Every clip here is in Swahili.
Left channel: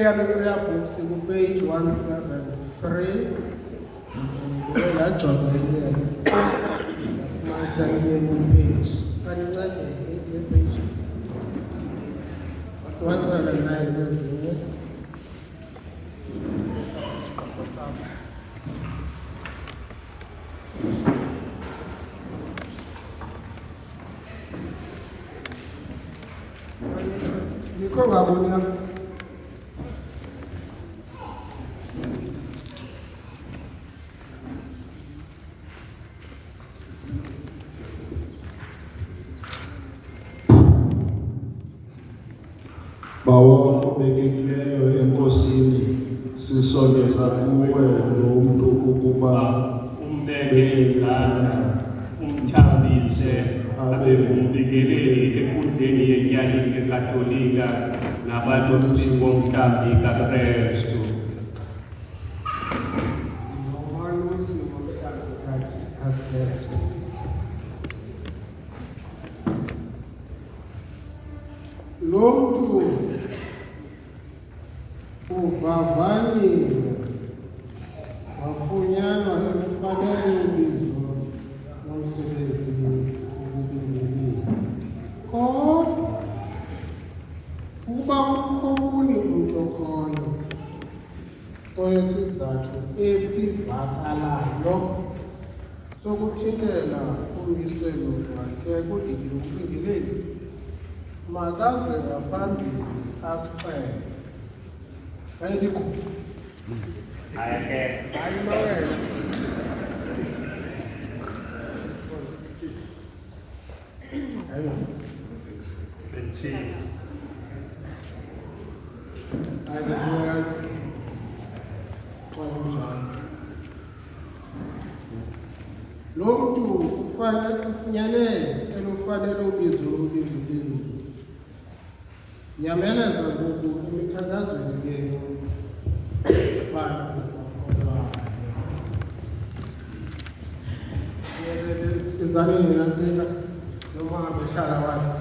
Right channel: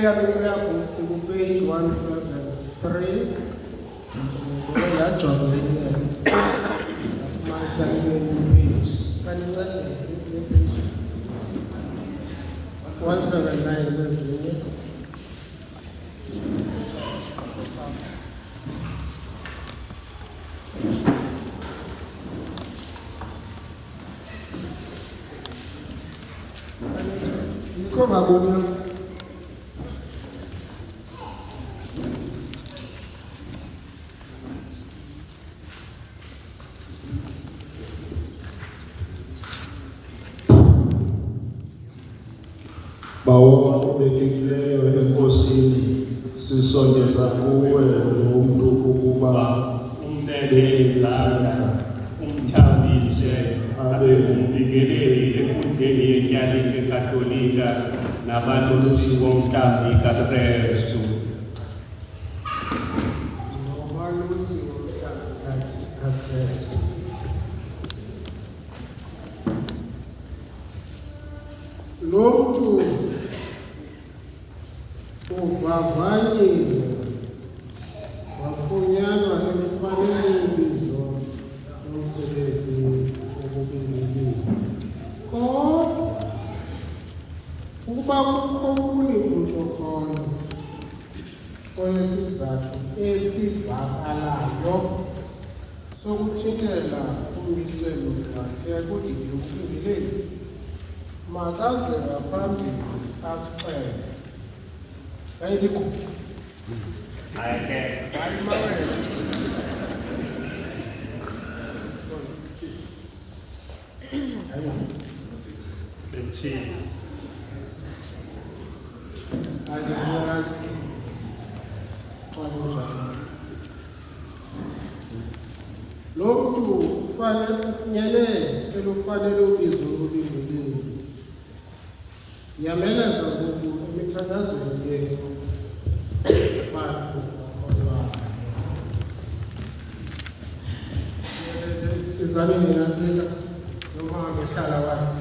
Prayer book, page 173. That's on the page. 179. Bawo bekileyo enkosini sisondeza kuwe lo muntu ukuba umbeke izandla umthambise abe umbikeleli enkundleni yenyalike katolika nabanosiko mhlambi kaKrestu. Lomntu uvavanyiwe wafunyanwa elufanele ubizo lomsebenzi wobubingeleli. Kodwa ukuba kukho okunye kuntlokolo onesizathu esivakalayo sokuthintela ummiselo wakhe kudili wobubingeleli, makaze ngaphambili asixele. Ayikho. Ayike. Lo mntu kufanele kufunyanele elufanele ubizo lobubingeleli. Yameleza ngoku emikhankazweni ke bantu izalini nasika noma abehlala wakhe.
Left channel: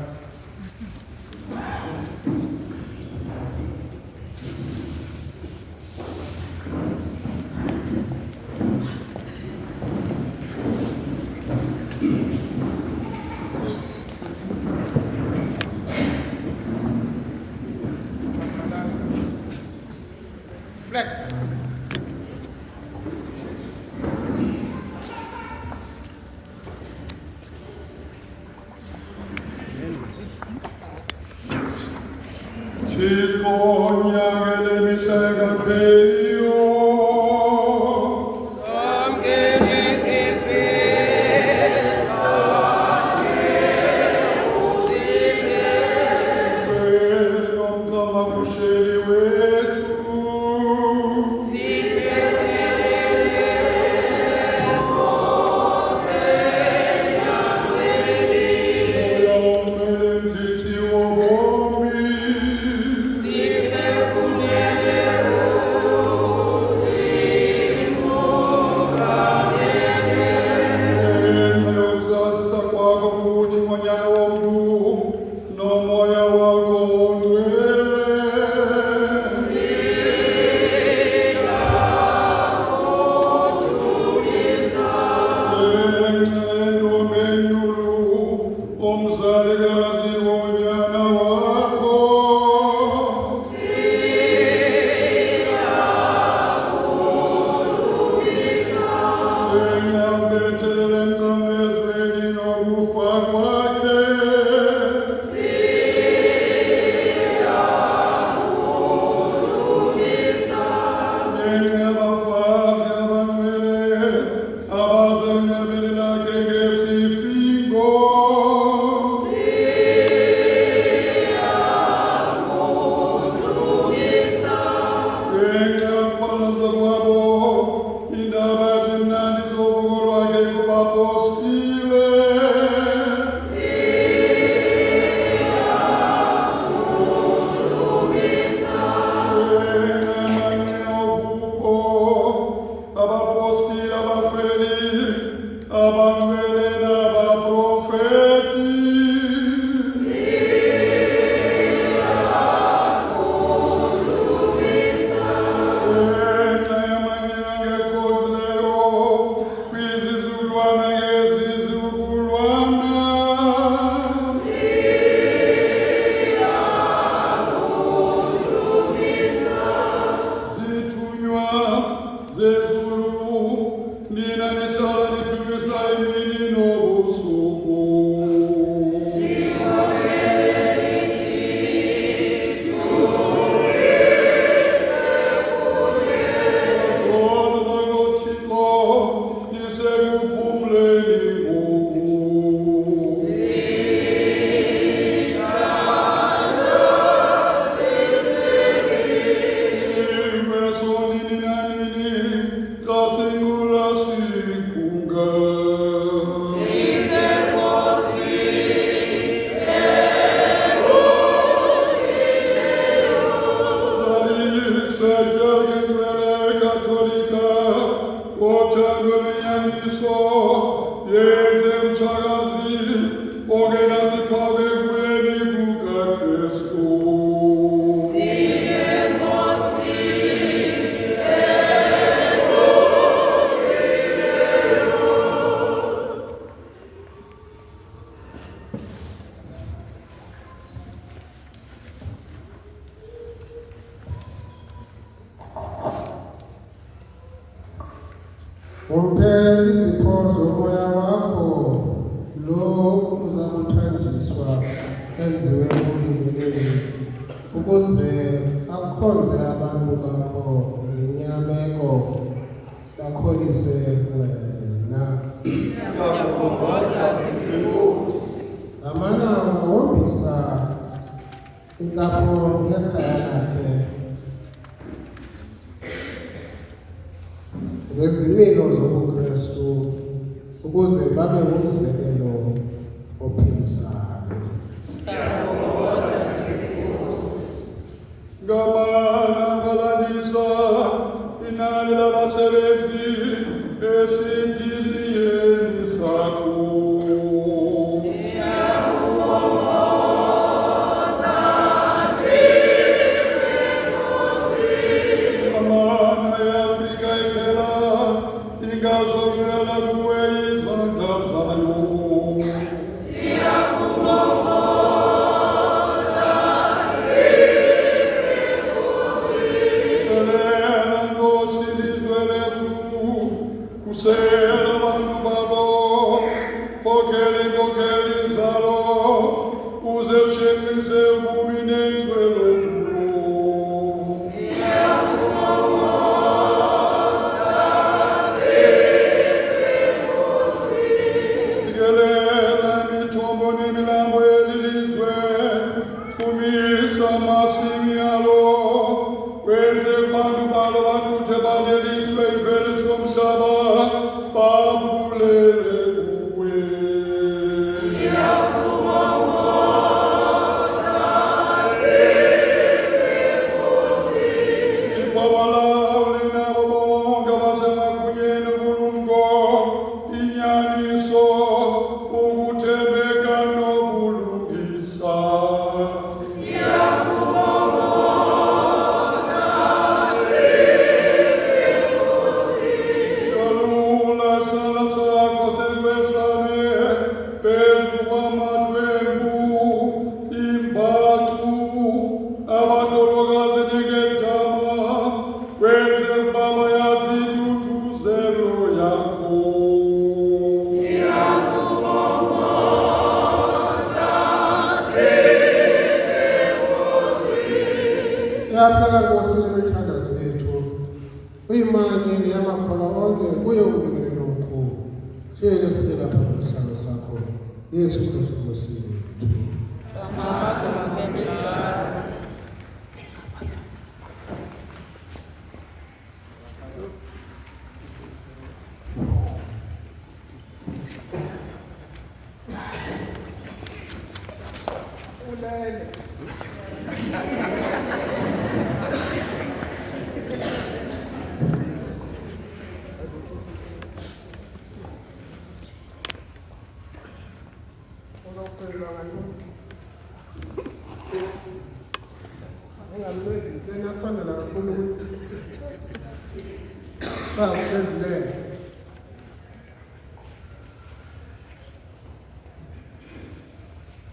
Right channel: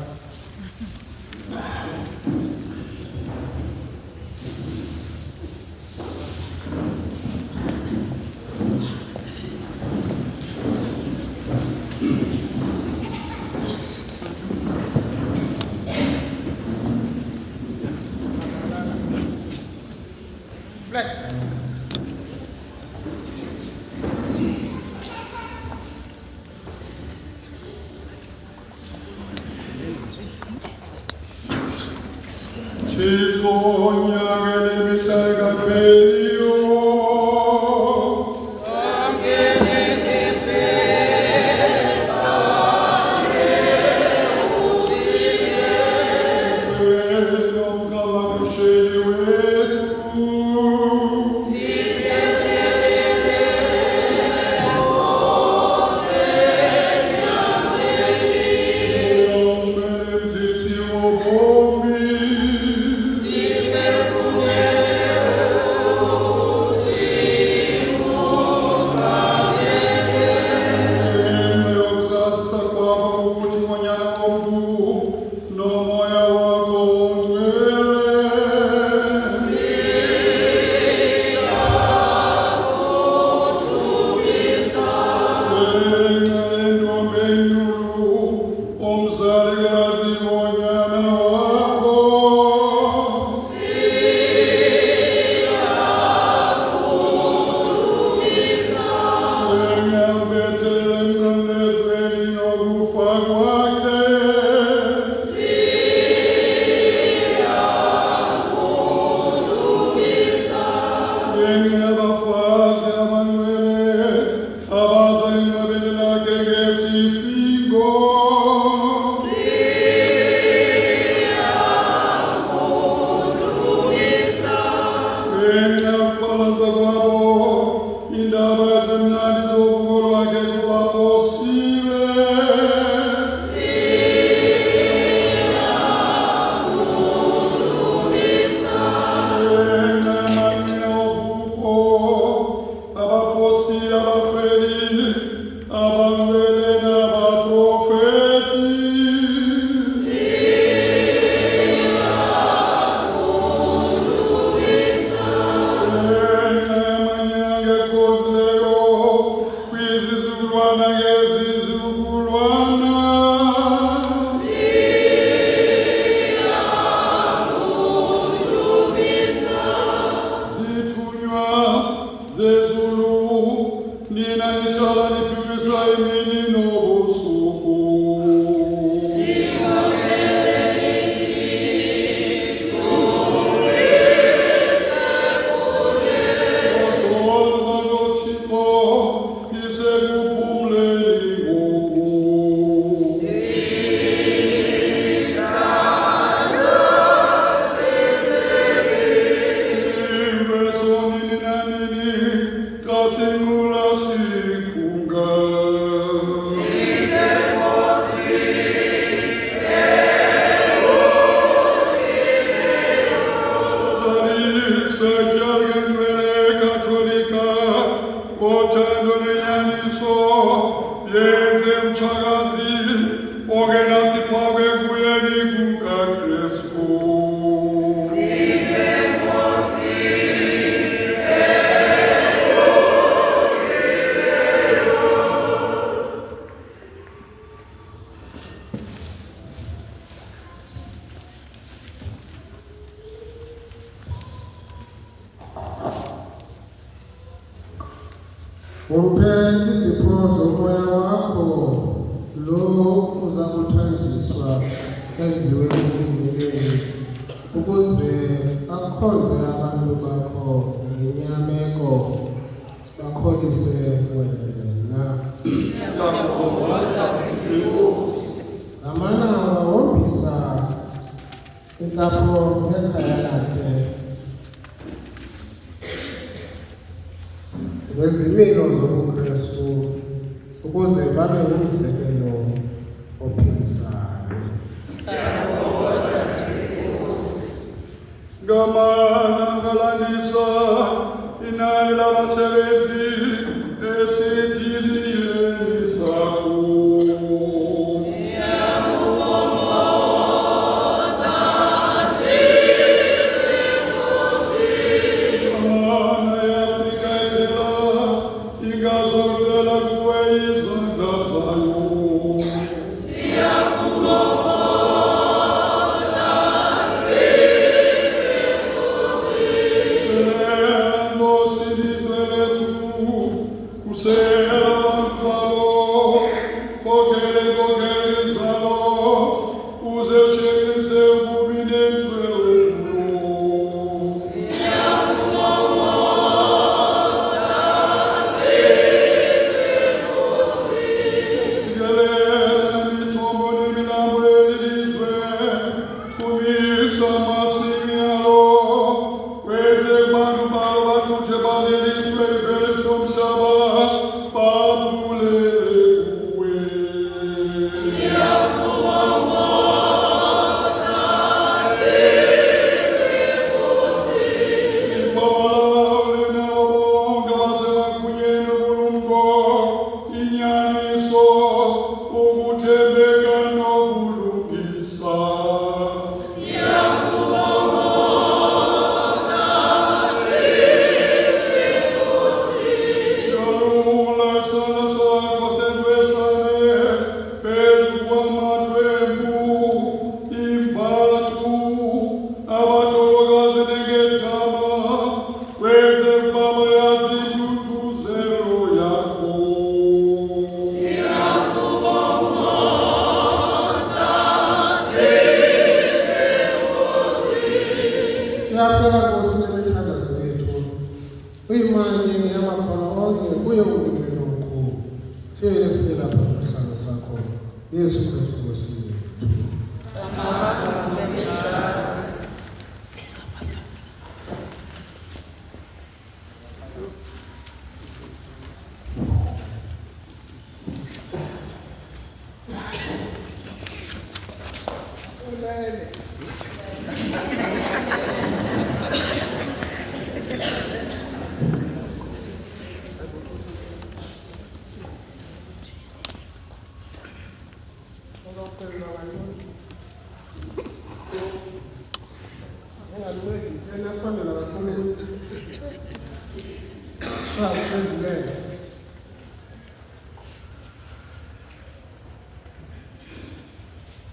Umphe izipho zomoya wakho lo uza kuthanjiswa enziwe umbingeleli ukuze akhonze abantu bakho ngenyameko bakholise wena. Ngamana wawombisa intsapho nekhaya lakhe ngezimilo zobuKristu ukuze babe ngumzekelo ophilisayo. Ngamana ngalandisa inani labasebenzi esindiliyeni sakho. Yaphela Nkosi imithandazo yethu uyimanye yamakhono onke kuye umbingeleli omkhulu hleli esithela phambi kwesihlalo sakho Yesu Kristu Nkosi yethu.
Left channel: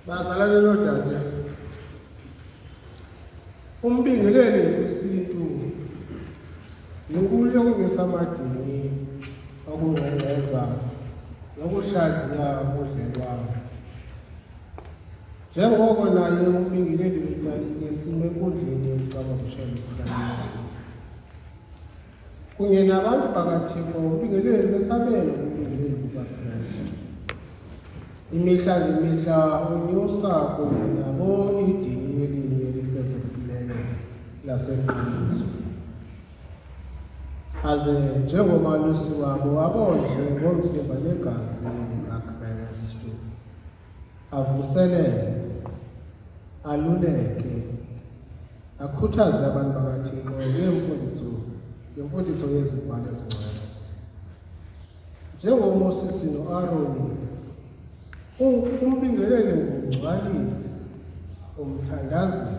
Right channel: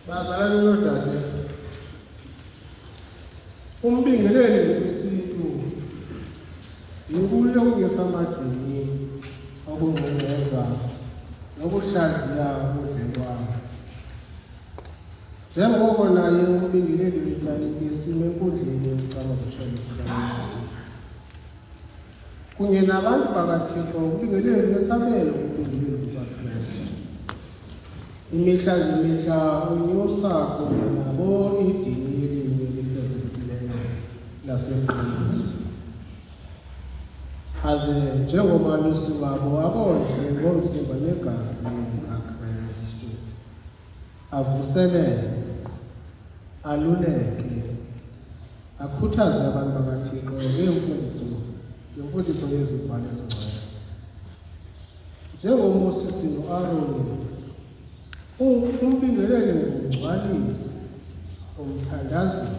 Bazalwane nodade, umbingeleli wesintu yinkululeko ngesamadini okungcengeza nokuhlaziya ubudlelwano. Njengoko naye umbingeleli wetyalike sime enkundleni yokucamaziswa kunye nabantu bakaThixo, umbingeleli wesabelo umbingeleli ukaKristu. Imihla ngemihla unyusa kunye nabo idini yelinye elifezekileyo laseNgqiniso. Aze njengomalusi wabo abondle ngomzimba negazi likaKristu, avuselele, aluleke, akhuthaze abantu bakaThixo ngemfundiso yezibhalo ezingcwele. NjengoMoses noAaroni, umbingeleli ngumgcwalisi umthandazi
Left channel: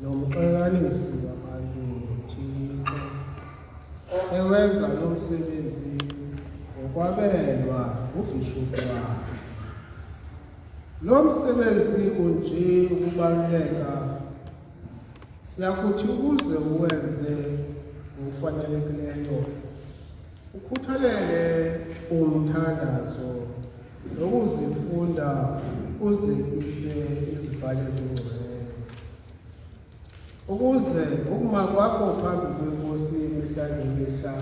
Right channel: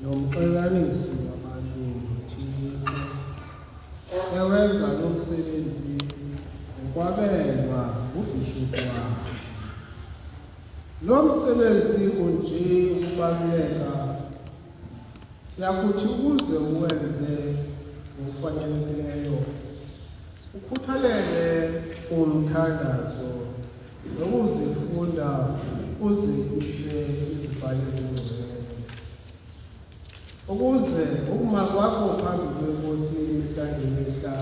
nomxekanisi wabantu Thixo ewenza lo msebenzi ngokwabelwa ubhishophu wakhe. Lo msebenzi unje ukubaluleka siyakuthi ukuze uwenze ngokufanelekileyo ukhuthalele umthandazo nokuzifunda uzifihle izibhalo ezingcwele ukuze ukuma kwakho phambi kwenkosi imihla ngemihla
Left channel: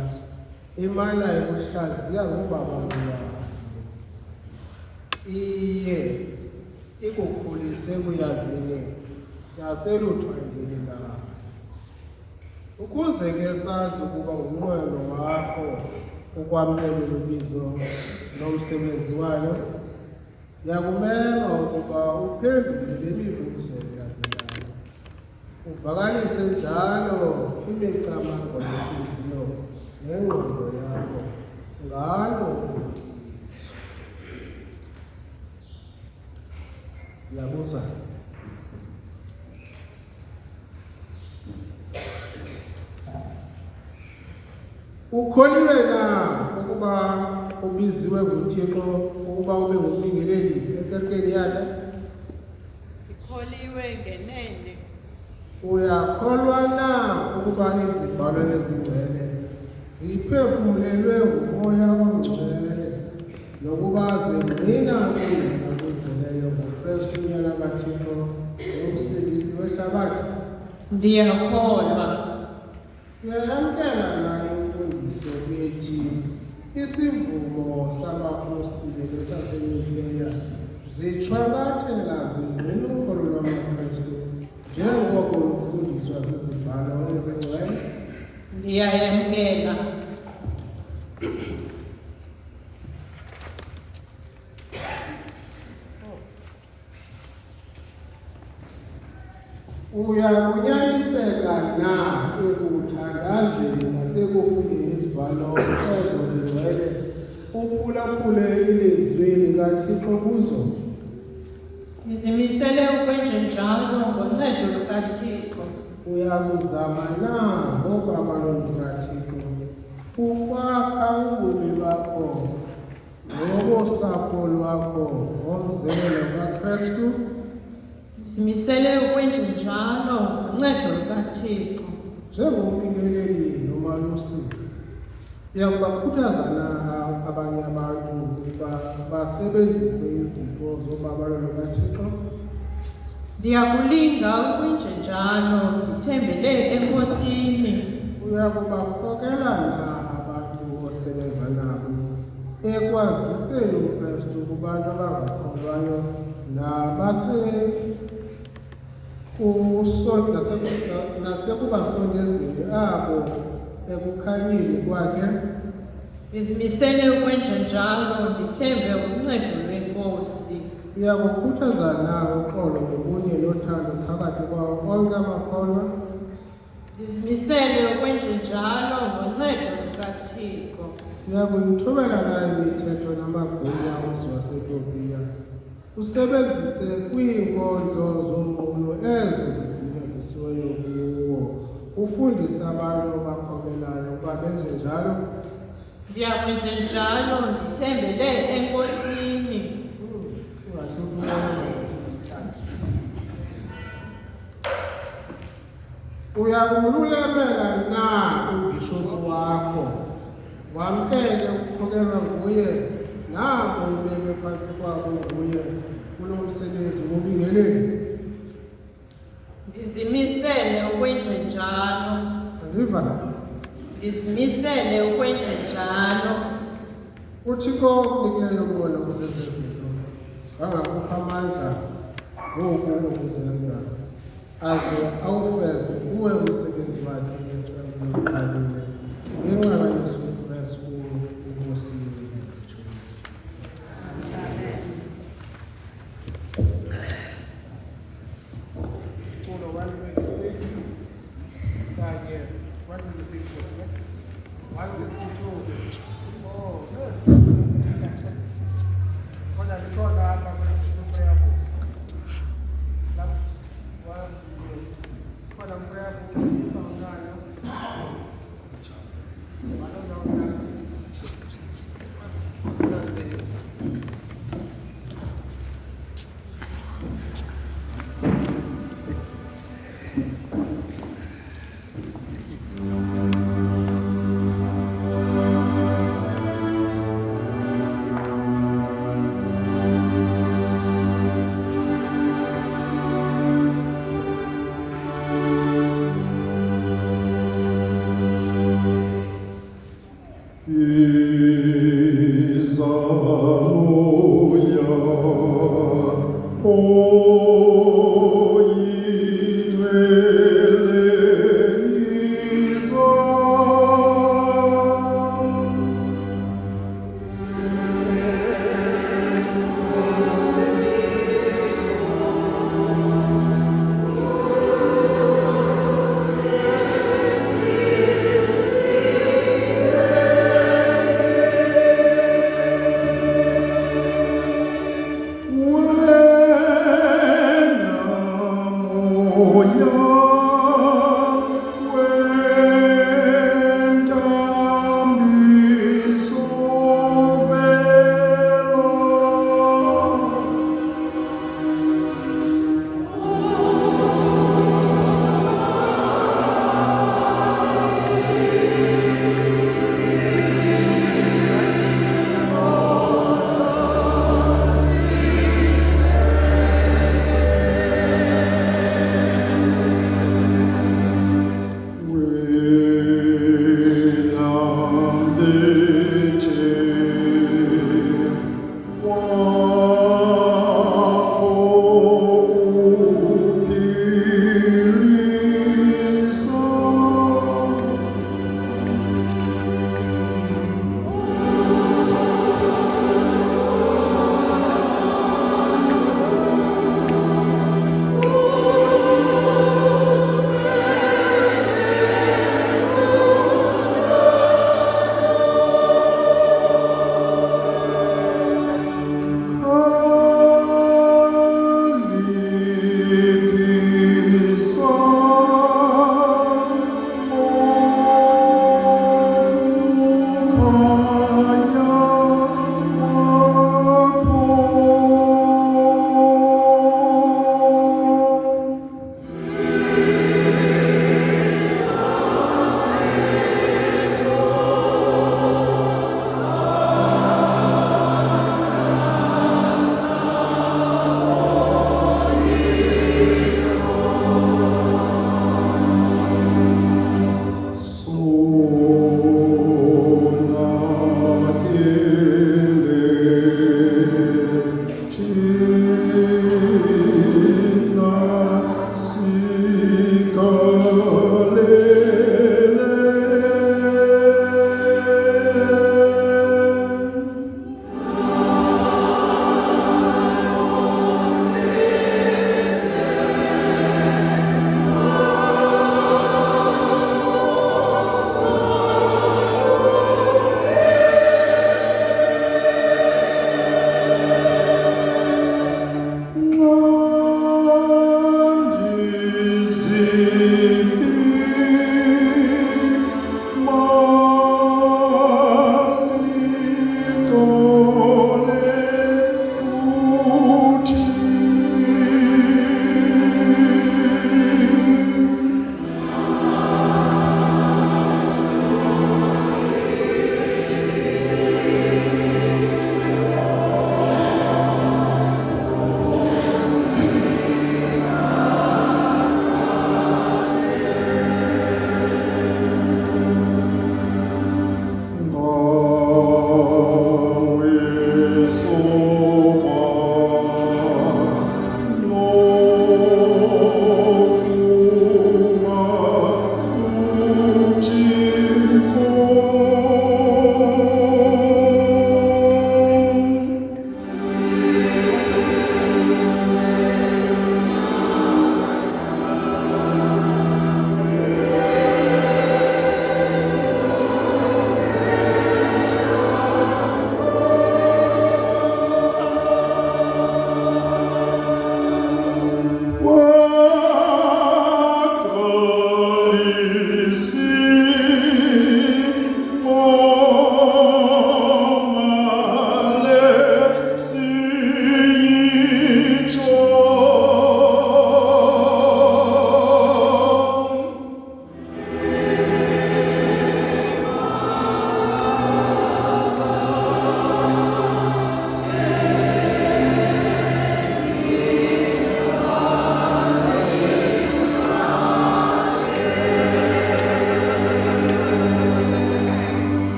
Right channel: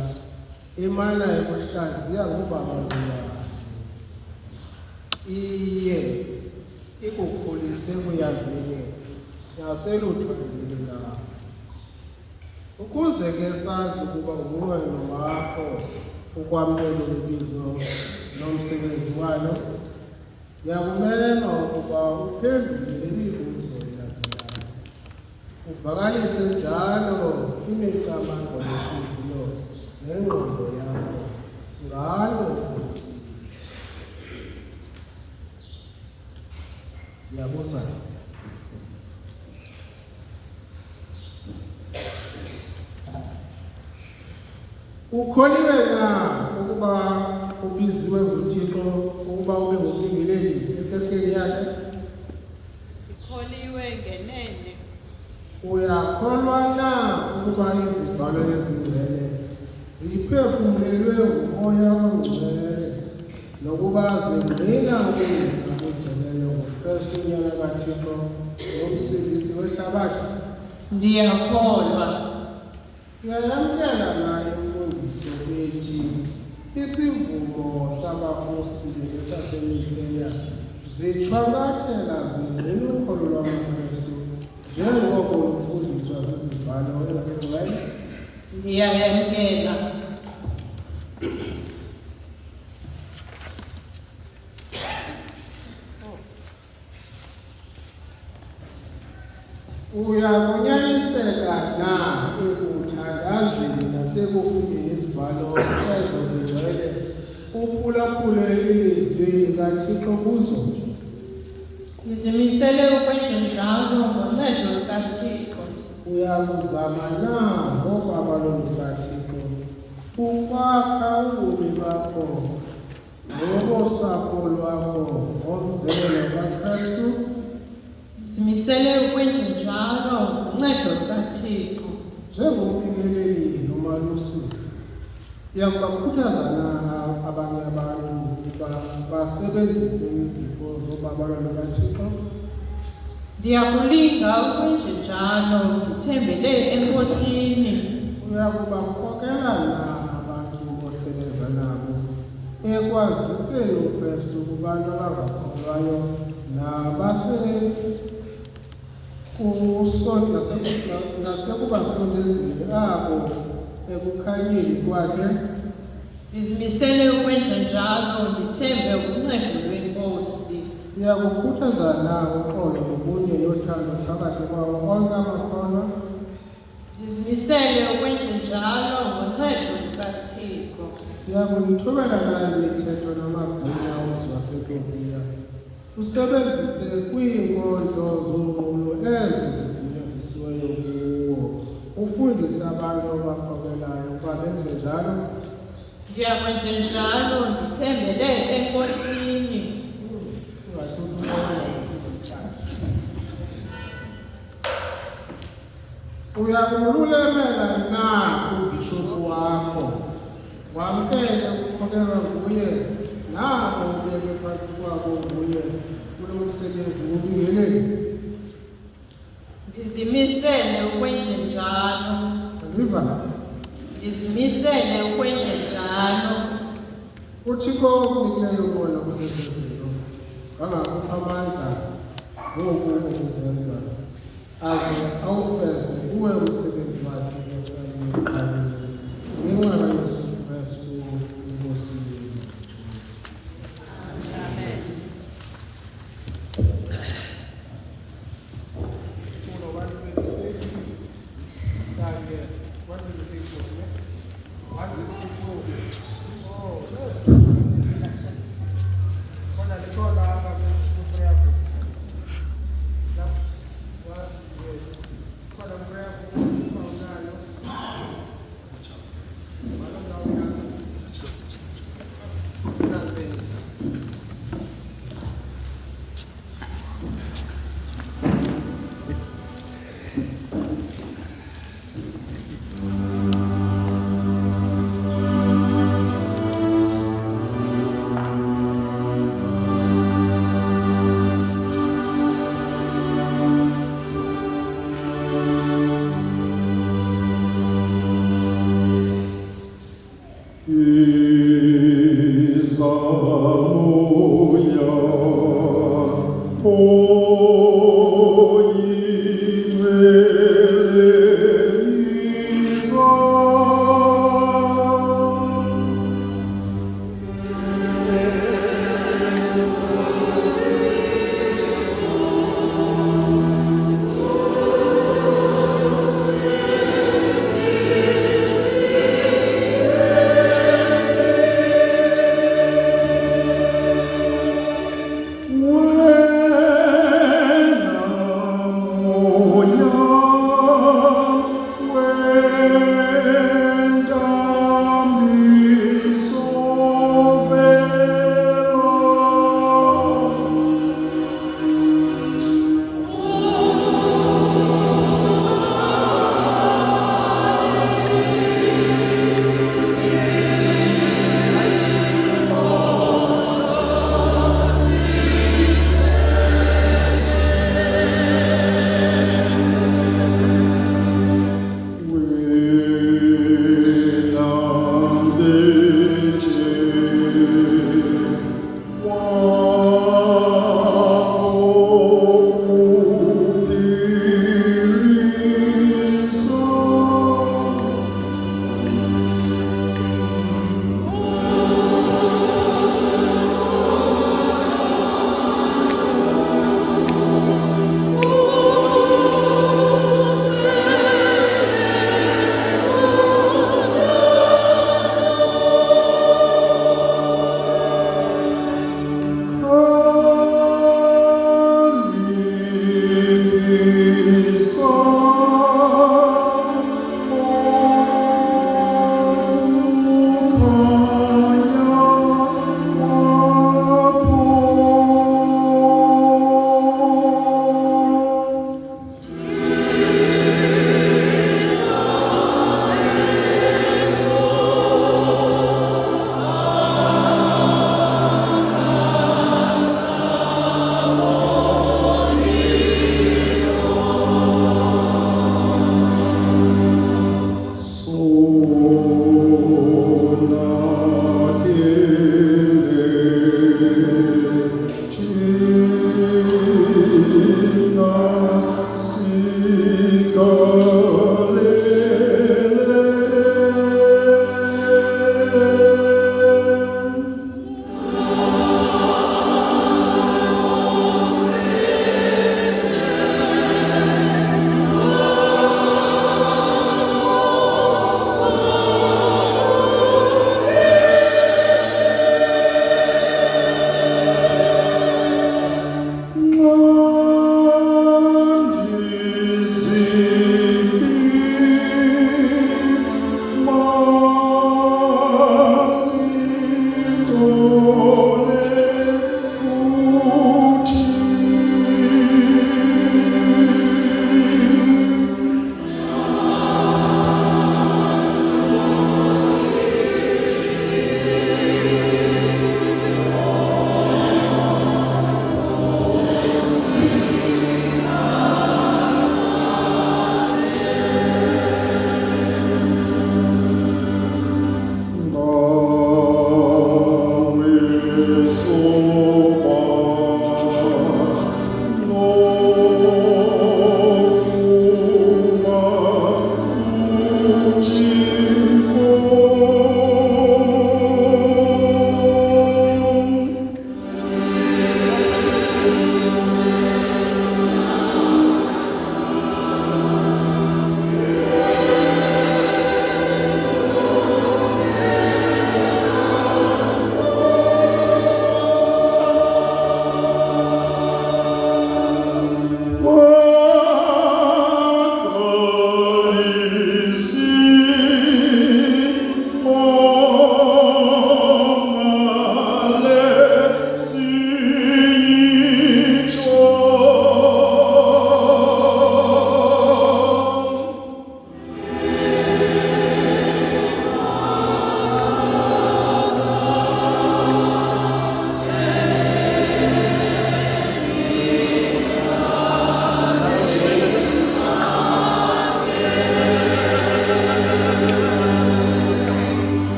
imana yokuhlaziya ngobaba wakho iye ikukhulise kuyazini naseluthwandini lakho ukuze ke sazi ukuba unqwelo wakho ukwamkela ubizo nomsebenzi walo yakumema ukuba uphendule lemibuzo elandelayo uvakalise njalo imicamango nenhliziyo nengqondo yakho ngalo yabuza ukholiwe na ukuba ubiziwe nguThixo ukuba ube ngumbingeleli esekeli yakhe? Ndikholiwe ngenene. Uyakholwa na ukuba izibhalo ezingcwele ziphefumlelwe ngumoya ongcwele nokuba zingqina ukungena okugcweleyo ngoKristu unyana kaThixo nomsindisi wehlabathi? Ndiyakholwa. Uyayamkela na imfundiso ethi isivumo sabapostile saseNikeya zichwakathela zingqina ukholo lwamaKristu njengoko lufundiswa zizibhalo ezingcwele? Ndiyayamkela. Uyakunyaniseka na ekuthandazeni nasekufundeni izibhalo ezo zingcwele uphulaphule ilizwi likaThixo kuzo? Ndizimisele ukwenza njalo ngoncedo lukaThixo. Uyakuzama na ngokwamalo lukaThixo ukwakha ubomi bakho nobosapho lwakho ngomzekelo kaKristu? Ndizimisele ukwenza njalo ngoncedo lukaThixo. Njengombingeleli nomalusi uyakubakhuthaza na abanye abantu ukuba basebenzise izipho zobabalo lukaThixo? Ndiyakulinda ukwenza njalo ndithembele enkosini. Uyakubakhokhela na abantu osebenza nabo ekwaziseni uKristu kubantu abangakholwayo nasekubasondezeni abo ekukhanyeni kwakhe? Ndizimisele ukwenza njalo ndithembe uncedo lwenkosi. Uyakukhuthaza na uxolo ngokunye nothando phakathi kwawo onke amakholwa? Ndizimisele ukwenza njalo ngoncedo lukaThixo. Uyakuyithobela na imithetho namagunya waseTopiya usebenzise kwiinkonzo zonqulo ezo zifinyezisiweyo kuwo ufundise abantu abakholelayo ukuba benze njalo? Ndiyakwenza njalo ndithembele enkosini. Uyakumlulemela na ubhishophu wakho wamkele ukukhokelwa nguye nabo ubeke phansi kwabo nguye kulo msebenzi wobingeleli? Ndizimisele ukwenza njalo. Ndiva Ndizimisele ukwenza njalo. uThixo unikileyo kona kusesezinto angakupha amandla ngoku ukuzenza aze awufeze kuwe umsebenzi wakhe ekuqaleni ngenxa kaYesu Kristu inkosi yethu.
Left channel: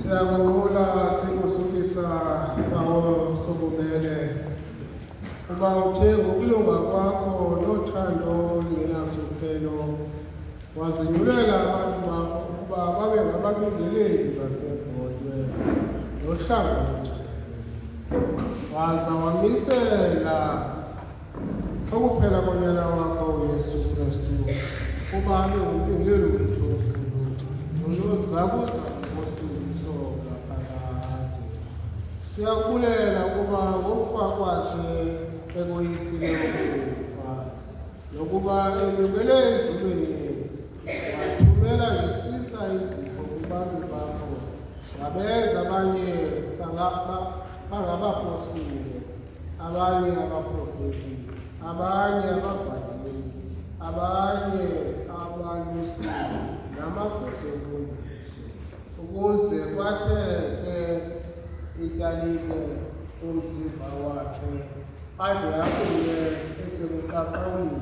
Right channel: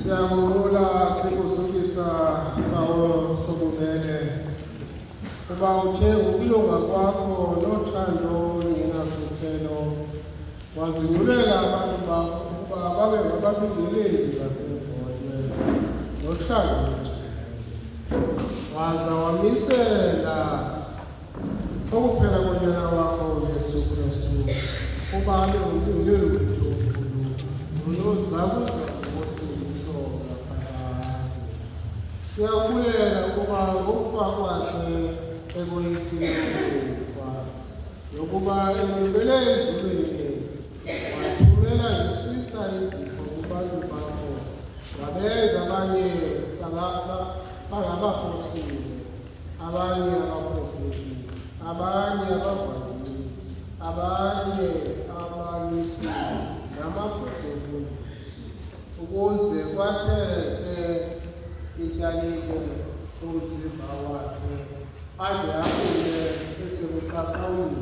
Siyakubonga sikuzulisa sibawo sobubele. Uba uthe ngokulunga kwakho nothando olungenasuphelo wazinyulela abantu bakho ukuba babe ngababingeleli baseVodwe nohlangothi. Waza wamisela ukuphela konyana wakho uYesu Kristu kuba abe ngumbingeleli wethu unozakuza ngosiso ngaphakade. Siyabulela ukuba ngokufa kwakhe ekoyisini kwakho nokuba elibele ezulwini wathumela ngesisa izipho kubantu bakho ngabenza abanye bangabapostoli, abanye abaprofeti, abanye ababhalisi, abanye abalusi namagosa obufundisi, ukuze kwakheke ityalike umzimba wakhe ade afike esekuqaqawuni.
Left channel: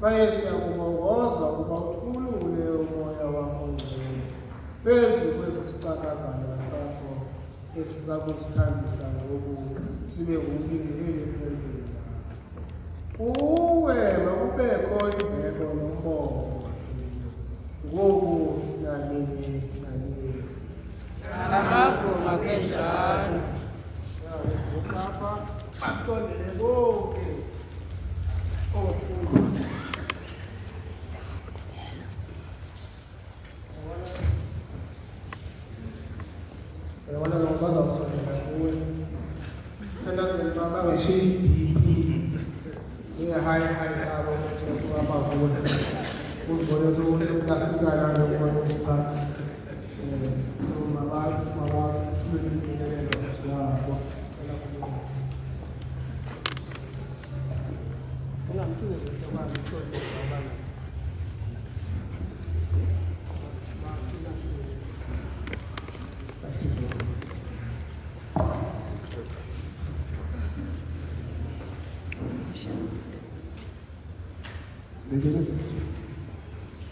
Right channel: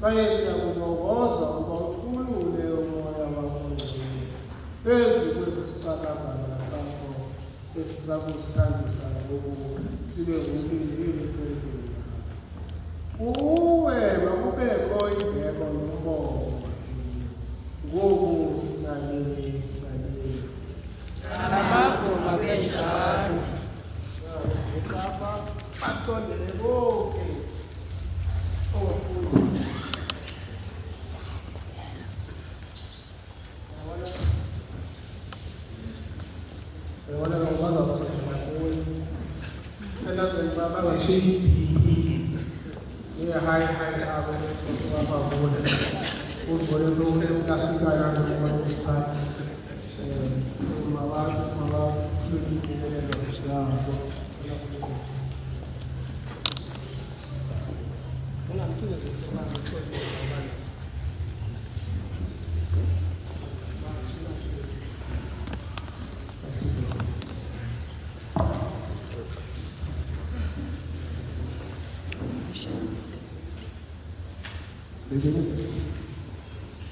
Saye siyakubongoza ukuba ukhulule umoya wakho ngcwele phezu kwezi sicakazana sakho sesiza kusithambisa ngoku sibe ngumbingeleli kwempilo yakho. Uwe nokubekho imbeko nobongo ngoku nanini nanini. Amagoma kenjalo. Ukapha basondele bonke ofundi. Ahora nos vamos a hacer la vamos a decir ya hay algo que vamos a poner por eso no castiga la voluntad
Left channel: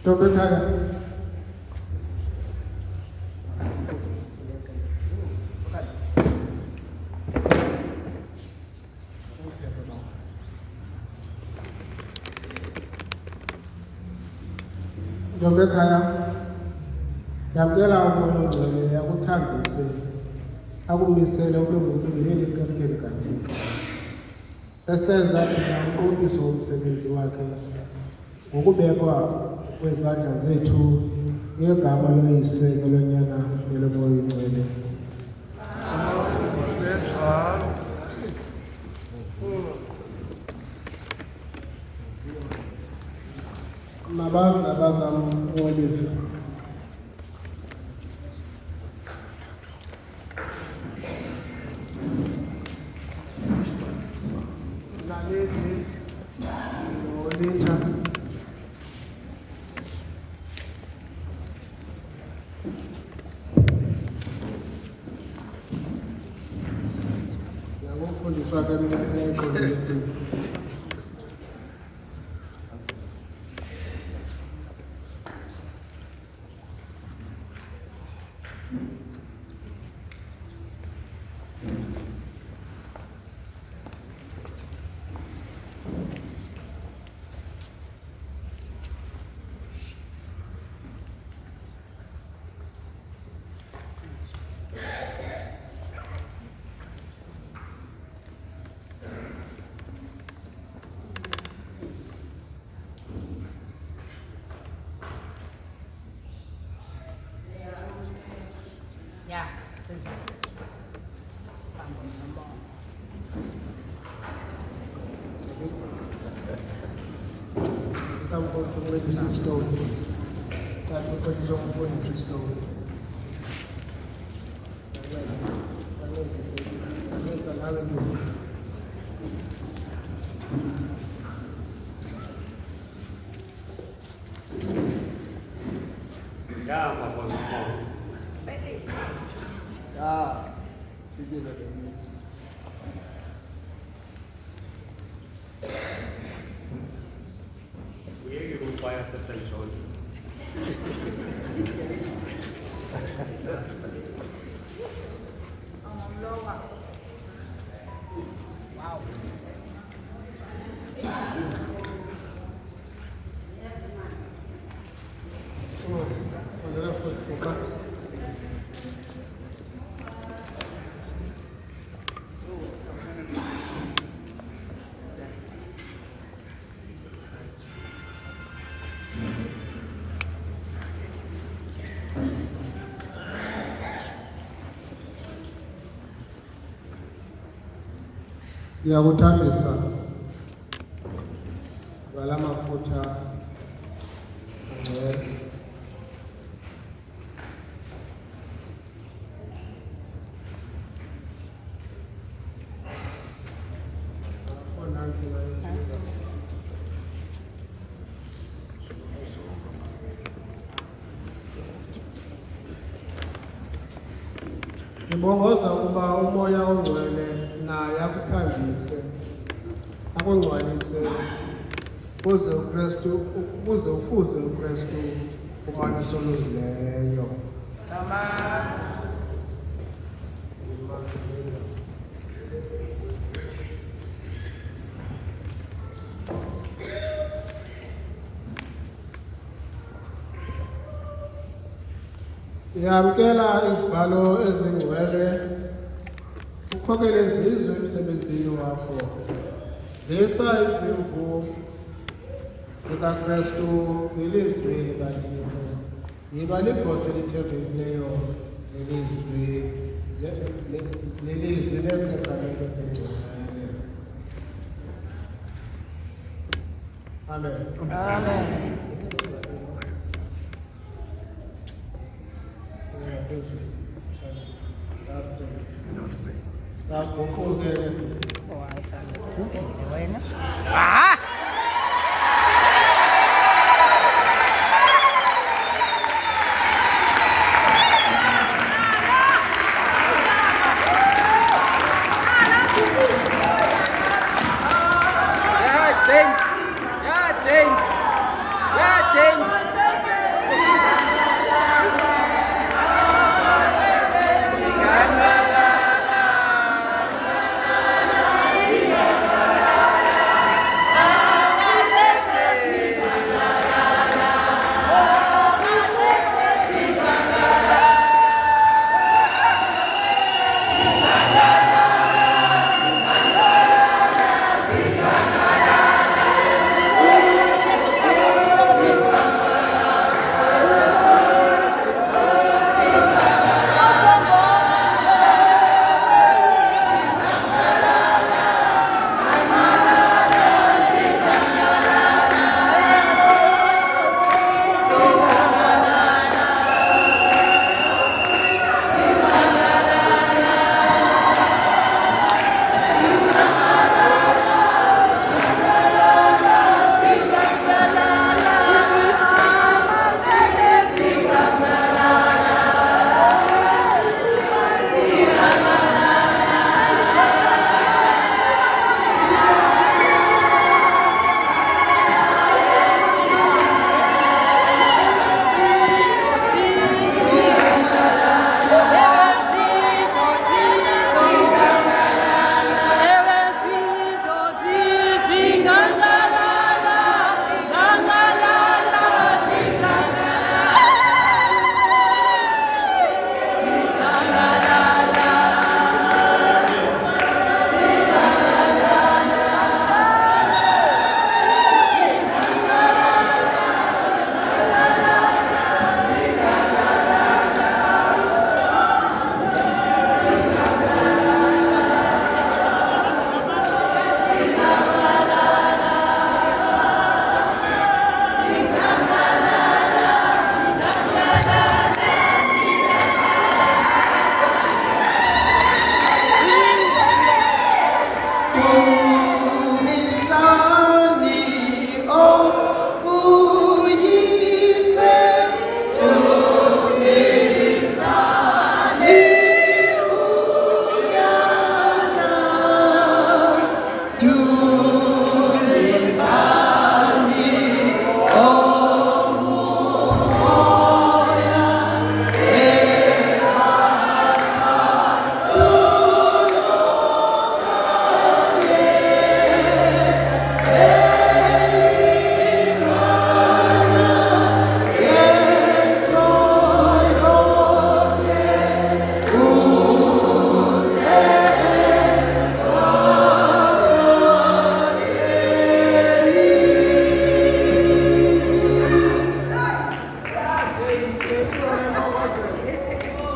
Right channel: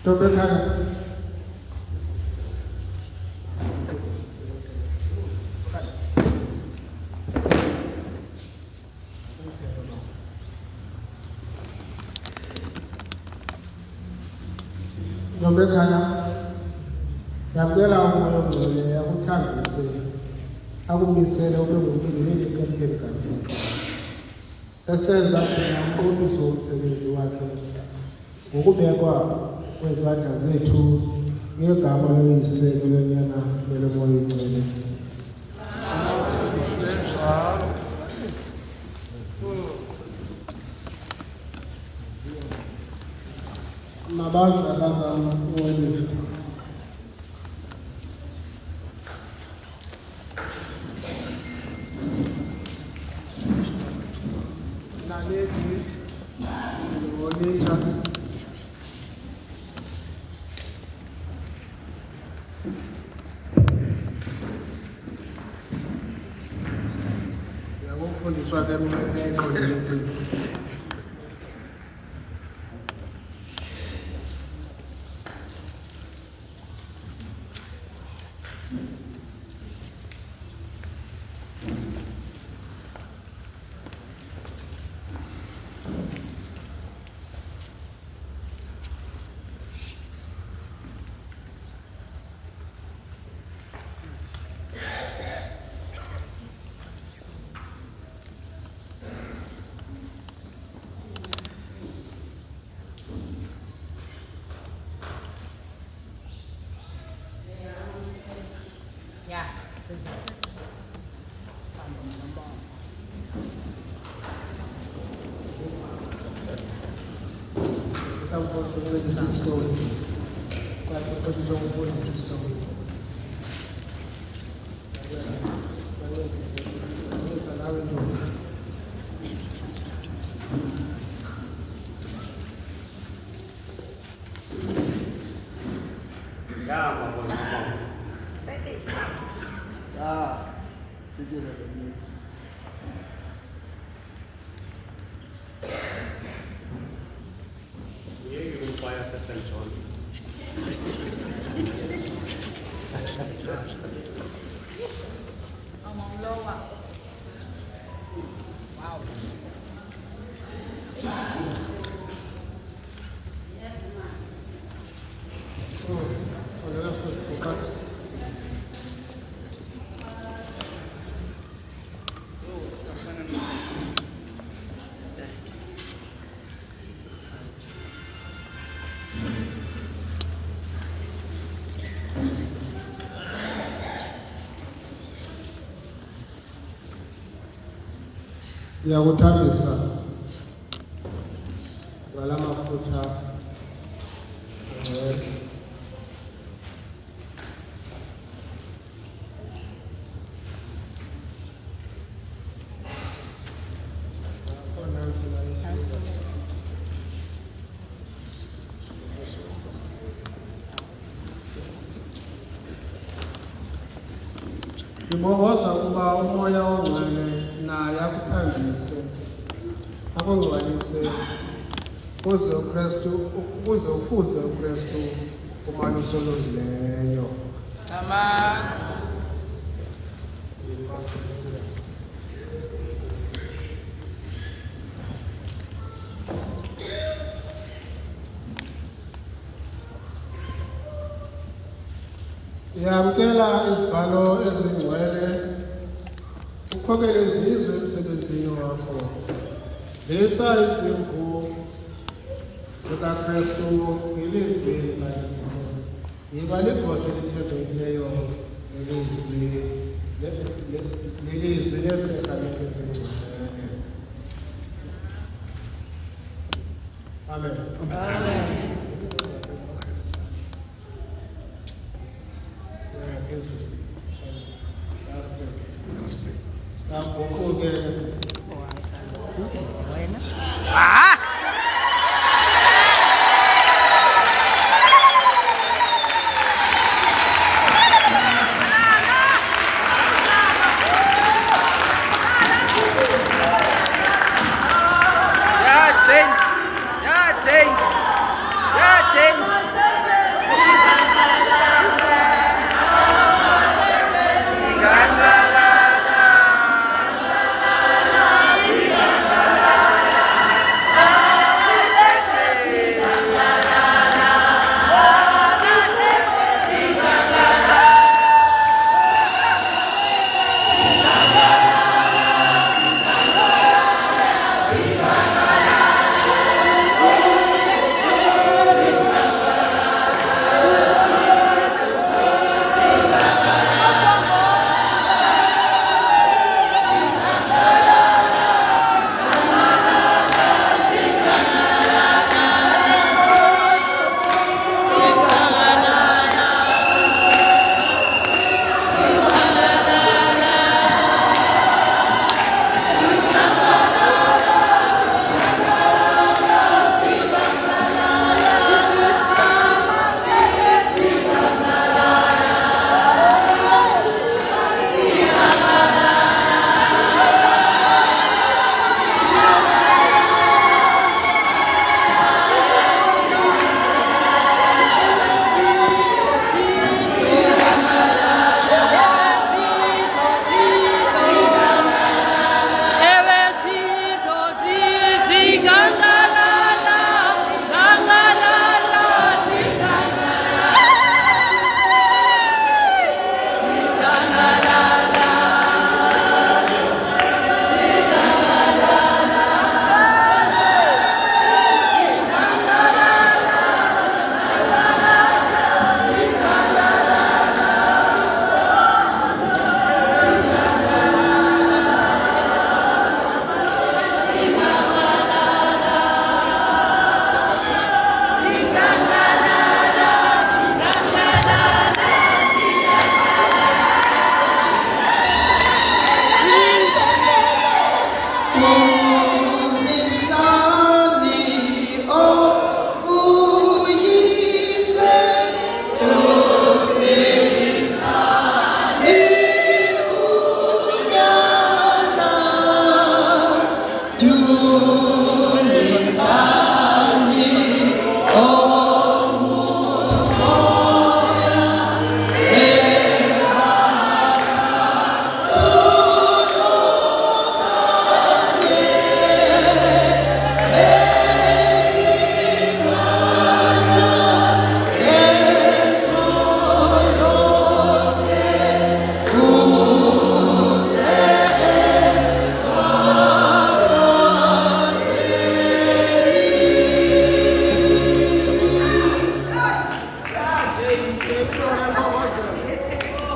Tobe kaya. Tobe kaya. Yabela umoya ongcwele akuthambise akumisele ube ngumbingeleli kwempilo kaThixo. Esenza umqobiso womsebenzi wakhe ngokubekwa kwezandla zethu ngegama loyise lonyana welomoya ongcwele. Njalo. Mabazalana oyise. Fundiswa keminye Ya, sesa. Vamos, vamos. Estamos sobre essa história. Para que pode jogar por essa história. Calma, bwana mama. Sijina deni. Yeye rupaya sasa njoni. Ngiyakuthamisa ngala mafutha ngibongoza ukuba umoya ongcwele naye akuthambise akungcwalise ukuze ufuze uKristu umaniso olungileyo. Siyamkela izibhalo ezingcwele ukhokele izizwe emsebenzini wakho. Lisa izimvu likaKristu ilizwi likaThixo. Yiba libhose elithembekileyo lelizwi lesegalelo ezingcwele. Amen. Amen. Yeah, James.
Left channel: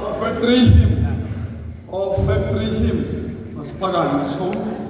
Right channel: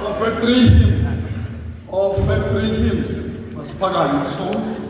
Offer 3 hymns. Offer 3 hymns. Masipagano. So